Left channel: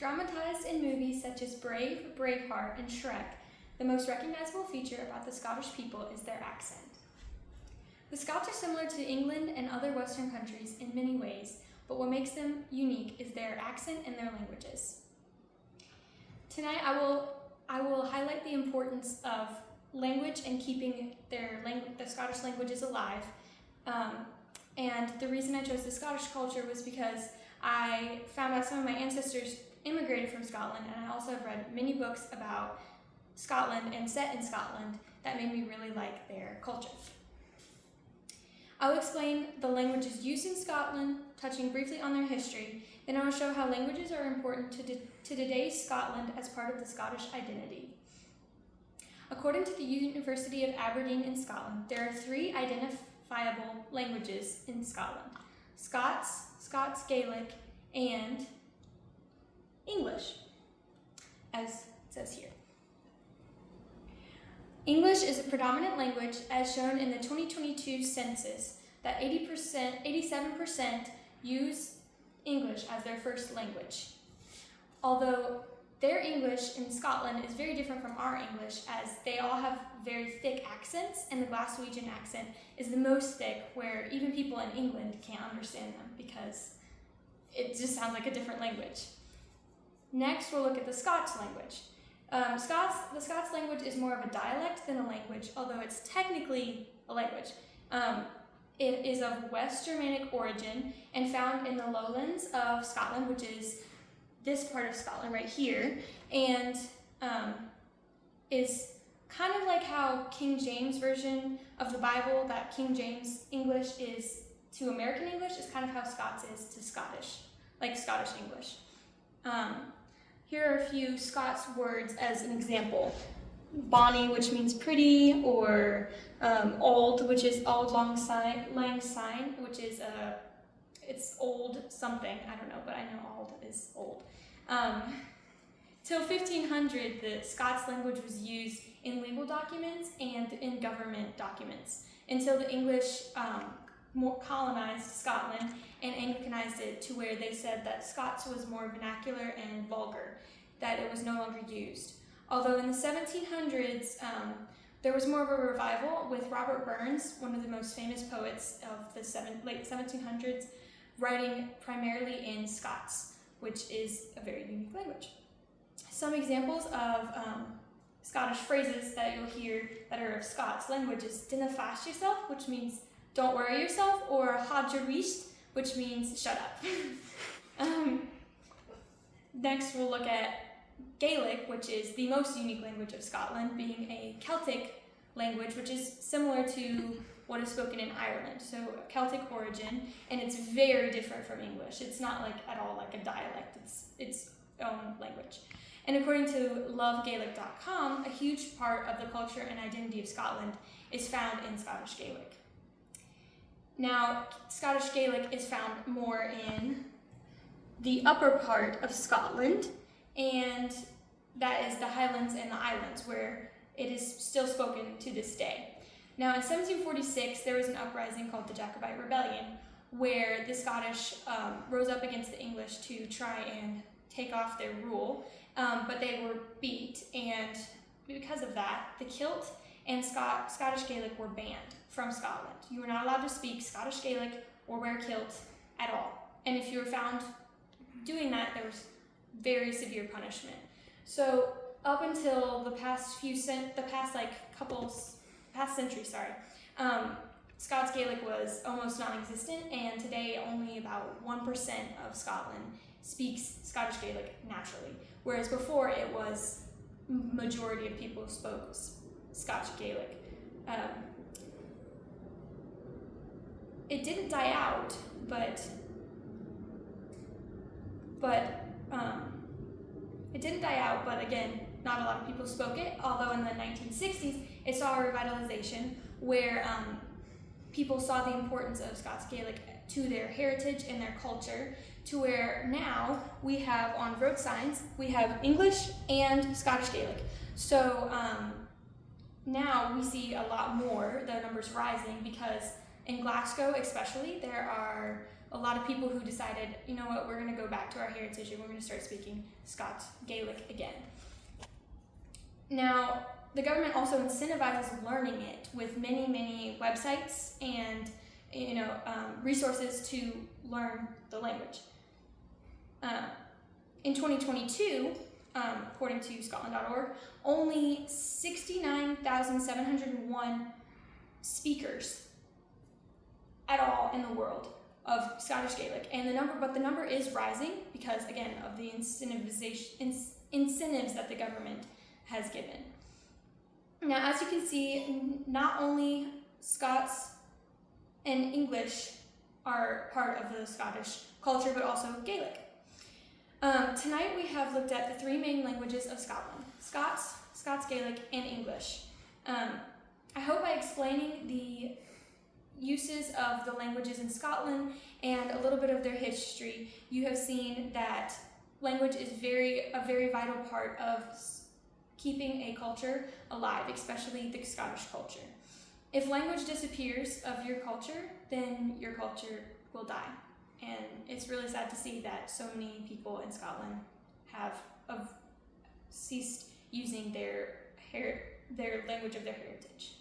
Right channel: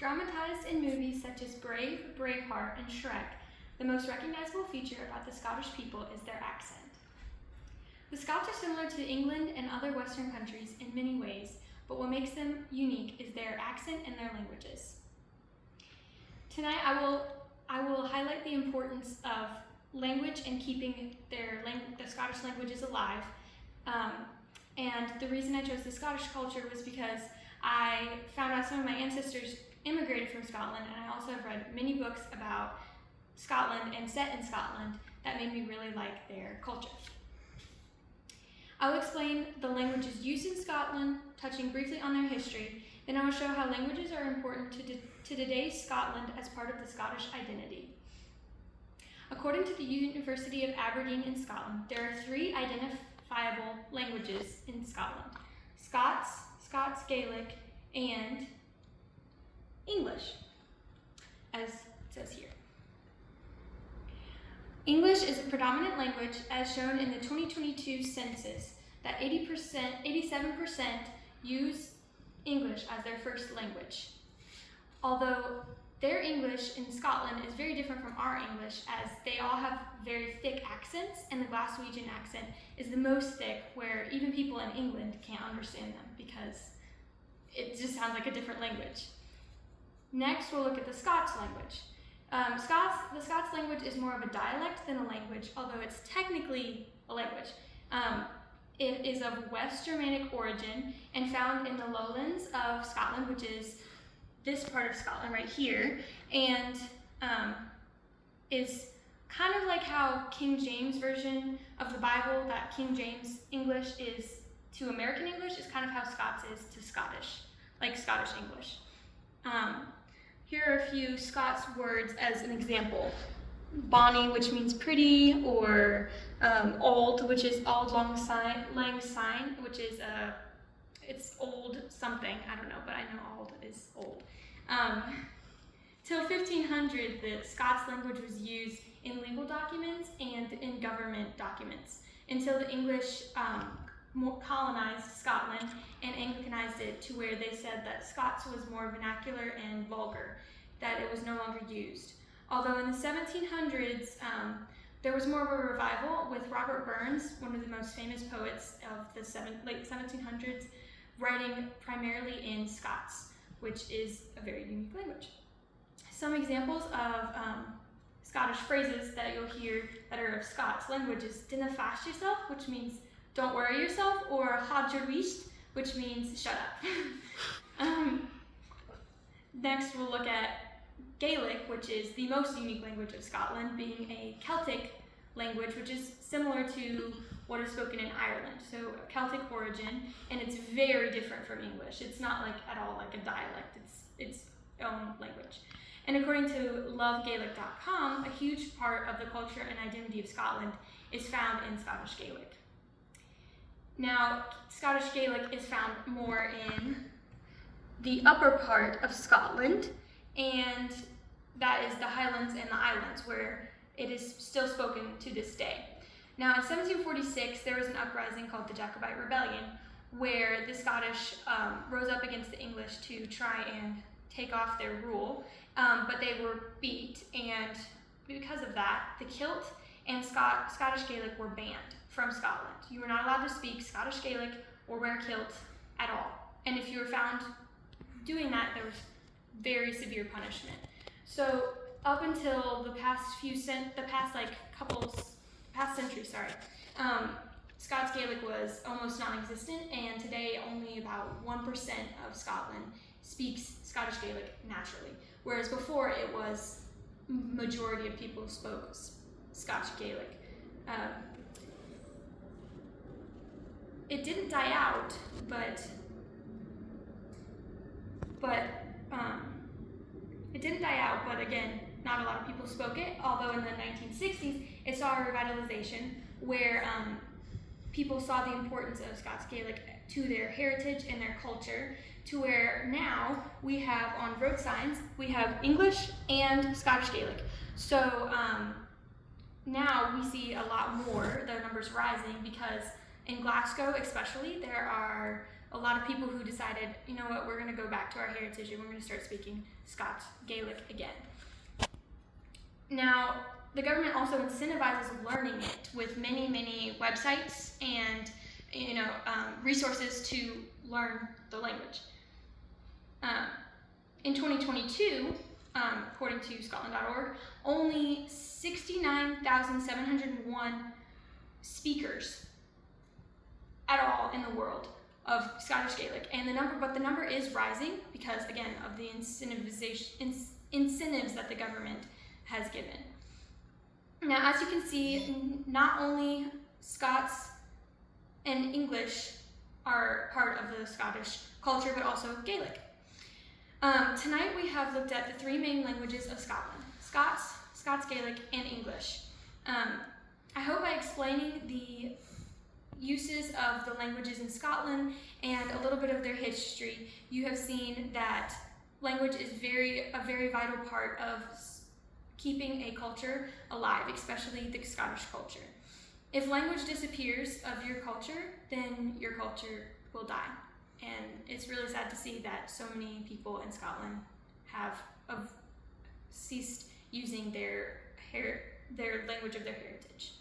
Dramatized in movies such as Brave, Braveheart, and Shrek, the most recognizable feature about the Scottish people is their accent. The Scots are similar to England and other Western countries in many ways, but what makes them unique is their accent and their languages. Tonight I will highlight the importance of language and keeping their Scottish languages alive. And the reason I chose the Scottish culture was because I found out some of my ancestors immigrated from Scotland, and I also have read many books about Scotland and set in Scotland that made me really like their culture. I will explain the languages used in Scotland, touching briefly on their history. Then I will show how languages are important to today's Scotland as part of the Scottish identity. According to the University of Aberdeen in Scotland, there are 3 identifiable languages in Scotland: Scots, Gaelic, and English, as it says here. English is a predominant language as shown in the 2022 census that 87% use English as their first language. Although their English in Scotland is very different from our English, as they all have very thick accents, and the Glaswegian accent is the most thick, where even people in England can't understand them because it just sounds like a different language. Next, we'll look at the Scots language. The Scots language is more of a dialect than a language, although it's technically a language. It is of West Germanic origin and found in the lowlands of Scotland, which is this part of Scotland right here, and is kind of like how King James version of the Bible, that King James English is to American English, is kind of how Scots is to Scottish, like Scottish English. Here are a few Scots words as an example. Bonny, which means pretty, or old, which is auld lang syne, which is it's old something, I don't know, but I know old is old. Till 1500, the Scots language was used in legal documents and in government documents, until the English colonized Scotland and Anglicanized it to where they said that Scots was more vernacular and vulgar, that it was no longer used. Although in the 1700s, there was more of a revival with Robert Burns, one of the most famous poets of the late 1700s, writing primarily in Scots, which is a very unique language. Some examples of Scottish phrases that you'll hear that are of Scots language is dinna fash yourself, which means don't worry yourself, or had your wheesht, which means shut up. Next, we'll look at Gaelic, which is the most unique language of Scotland, being a Celtic language, which is similar to what is spoken in Ireland. So Celtic origin, and it's very different from English. It's not like at all like a dialect, it's its own language. And according to lovegaelic.com, a huge part of the culture and identity of Scotland is found in Scottish Gaelic. Now, Scottish Gaelic is found more in the upper part of Scotland, and that is the Highlands and the Islands, where it is still spoken to this day. Now, in 1746, there was an uprising called the Jacobite Rebellion, where the Scottish rose up against the English to try and take off their rule, but they were beat, and because of that, the kilt and Scottish Gaelic were banned from Scotland. You were not allowed to speak Scottish Gaelic or wear kilt at all. And if you were found doing that, there was very severe punishment. So up until the past century, Scots Gaelic was almost non-existent, and today only about 1% of Scotland speaks Scottish Gaelic naturally, whereas before it was majority of people spoke Scottish Gaelic. It didn't die out, but again, not a lot of people spoke it, although in the 1960s, it saw a revitalization where people saw the importance of Scots Gaelic to their heritage and their culture, to where now we have on road signs, we have English and Scottish Gaelic. So now we see a lot more, the numbers rising, because in Glasgow especially, there are a lot of people who decided, you know what, we're going to go back to our heritage and we're going to start speaking Scots Gaelic again. Now, the government also incentivizes learning it with many, many websites and resources to learn the language. In 2022, according to Scotland.org, only 69,701 speakers at all in the world of Scottish Gaelic, and the number is rising because, again, of the incentives that the government has given. Now, as you can see, not only Scots and English are part of the Scottish culture, but also Gaelic. Tonight we have looked at the three main languages of Scotland: Scots, Scots Gaelic, and English. I hope by explaining the uses of the languages in Scotland and a little bit of their history, you have seen that language is a very vital part of keeping a culture alive, especially the Scottish culture. If language disappears of your culture, then your culture will die. And it's really sad to see that so many people in Scotland have ceased using their language of their heritage.